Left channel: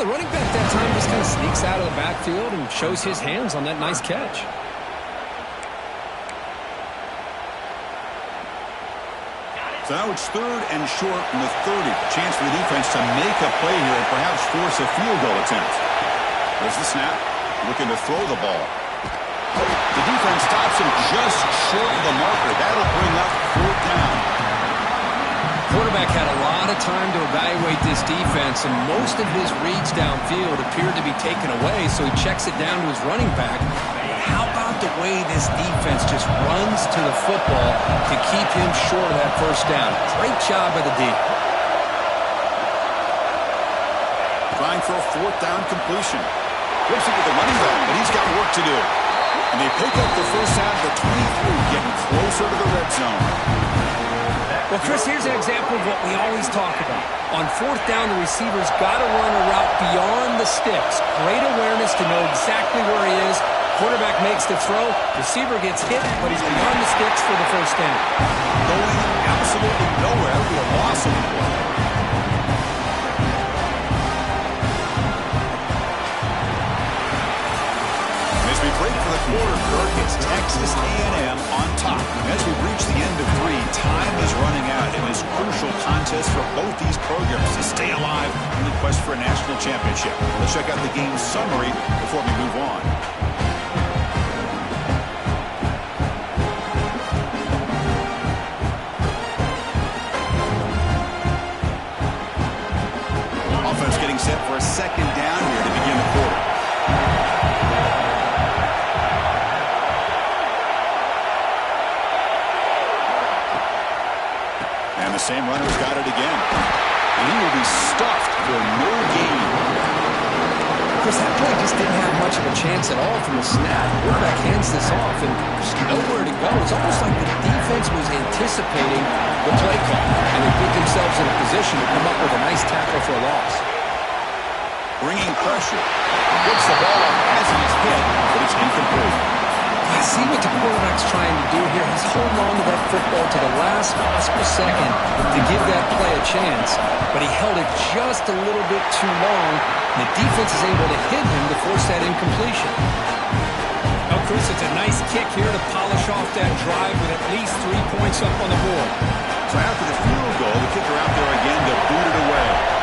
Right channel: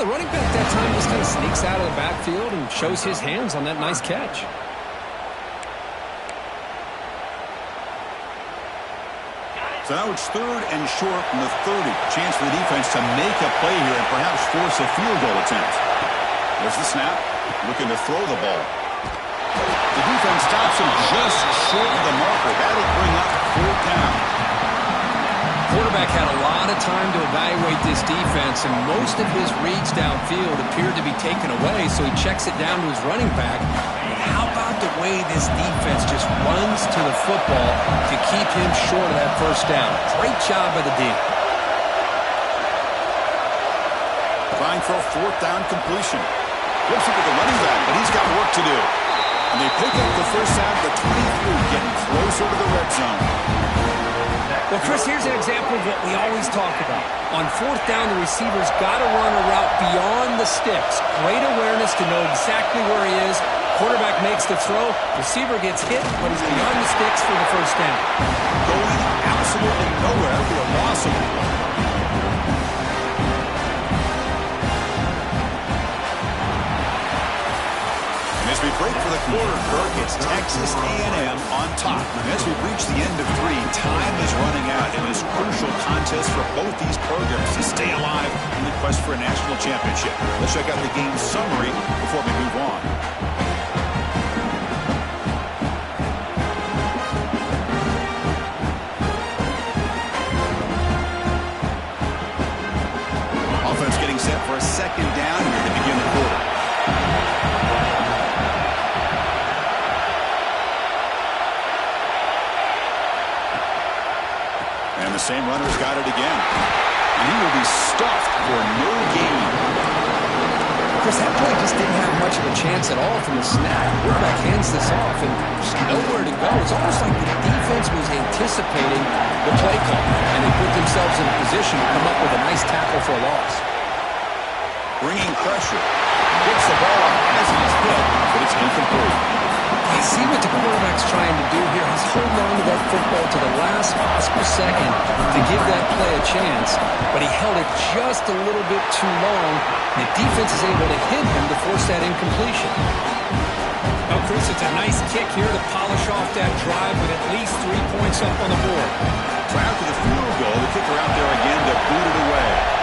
the running back that time just kind of sneaks out of the backfield and shows his hands on that nice catch. So now it's 3rd and short from the 30. A chance for the defense to make a play here and perhaps force a field goal attempt. There's the snap. Looking to throw the ball. The defense stops him just short of the marker. That'll bring up 4th down. Quarterback had a lot of time to evaluate this defense, and most of his reads downfield appeared to be taken away, so he checks it down to his running back. And how about the way this defense just runs to the football to keep him short of that 1st down? Great job by the D. Trying for a 4th down completion. Flips it to the running back, but he's got work to do. And they pick up the 1st down to the 23, getting closer to the red zone. Well, Chris, here's an example of what we always talk about. On 4th down, the receiver's got to run a route beyond the sticks. Great awareness to know exactly where he is. Quarterback makes the throw. Receiver gets hit, but he's beyond the sticks for the 1st down. Going absolutely nowhere. That would be a loss of the play. As we break for the quarter, Kirk, it's Texas A&M on top. As we reach the end of 3, time is running out in this crucial contest for both these programs to stay alive in the quest for a national championship. Let's check out the game summary before we move on. Offense getting set for a 2nd down here to begin the quarter. And the same runner's got it again. And he will be stuffed for no gain. Chris, that play just didn't have much of a chance at all from the snap. Quarterback hands this off, and there's nowhere to go. It's almost like the defense was anticipating the play call, and they put themselves in a position to come up with a nice tackle for a loss. Bringing pressure. Gets the ball up as he's hit, but it's incomplete. I see what the quarterback's trying to do here. He's holding on to that football to the last possible second to give that play a chance, but he held it just a little bit too long. The defense is able to hit him to force that incompletion. Now, Chris, it's a nice kick here to polish off that drive with at least 3 points up on the board. So after the field goal, the kicker out there again to boot it away.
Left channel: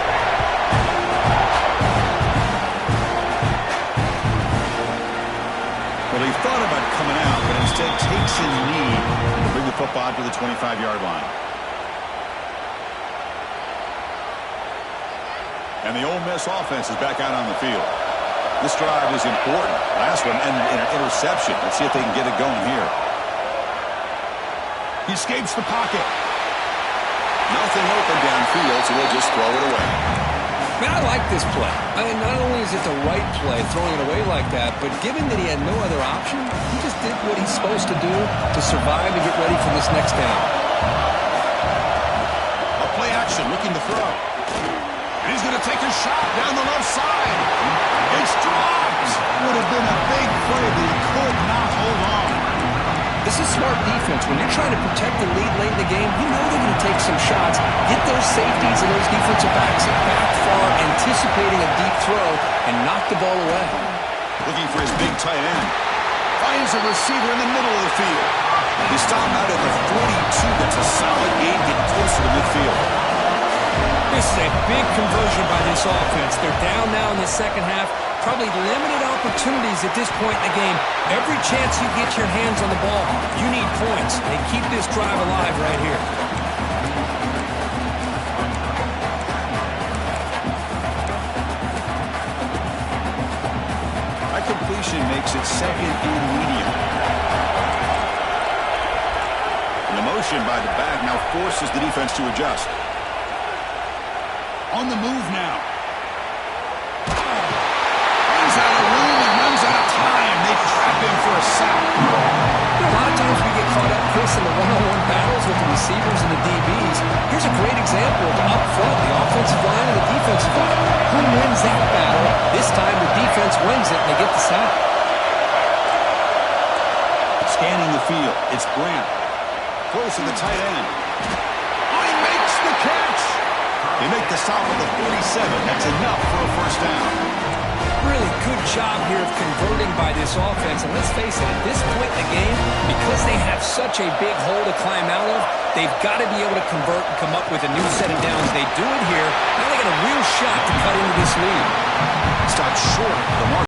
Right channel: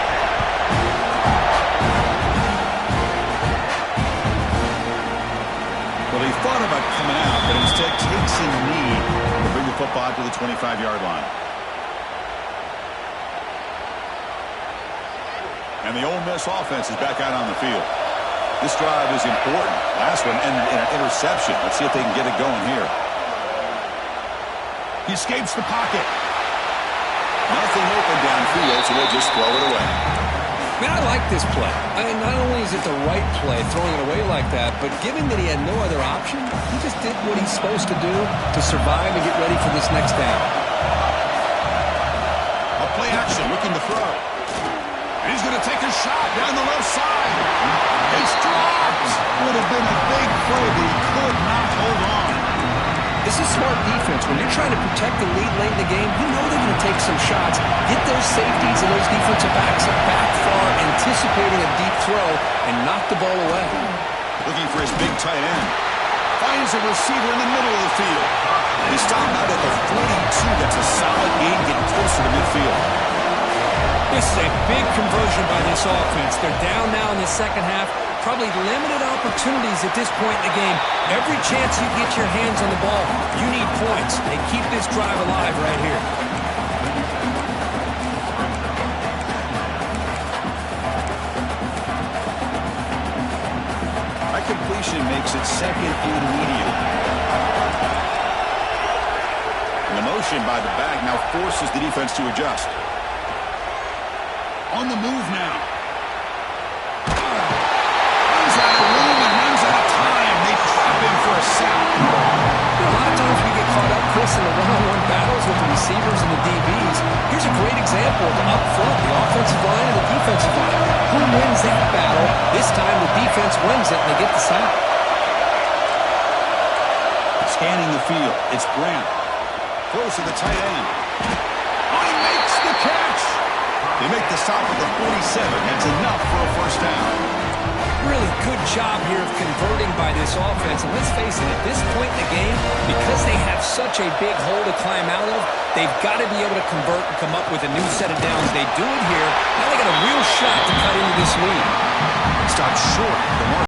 Well, he thought about coming out, but instead takes a knee to bring the football to the 25-yard line. And the Ole Miss offense is back out on the field. This drive is important. Last one and an interception. Let's see if they can get it going here. He escapes the pocket. Nothing open downfield, so we'll just throw it away. Man, I like this play. Not only is it the right play, throwing it away like that, but given that he had no other option, he just did what he's supposed to do to survive and get ready for this next down. A play action, looking to throw. And he's going to take a shot down the left side. It's dropped. Would have been a big play, but he could not hold on. This is smart defense. When you're trying to protect the lead late in the game, you know they're going to take some shots, get those safeties and those defensive backs back far, anticipating a deep throw, and knock the ball away. Looking for his big tight end. Finds a receiver in the middle of the field. He stopped out at the 42. That's a solid gain, getting closer to midfield. This is a big conversion by this offense. They're down now in the second half. Probably limited opportunities at this point in the game. Every chance you get your hands on the ball, you need points. They keep this drive alive right here. That completion makes it 2nd and medium. And the motion by the back now forces the defense to adjust. On the move now. Runs out of room and runs out of time. They trap him for a sack. A lot of times we get caught up, Chris, in the one-on-one battles with the receivers and the DBs. Here's a great example of up front, the offensive line and the defensive line. Who wins that battle? This time the defense wins it and they get the sack. Scanning the field. It's Grant. Close to the tight end. Oh, he makes the catch. They make the stop at the 47. That's enough for a first down. Really good job here of converting by this offense. And let's face it, at this point in the game, because they have such a big hole to climb out of, they've got to be able to convert and come up with a new set of downs. They do it here. Now they got a real shot to cut into this lead. Stopped short. The mark.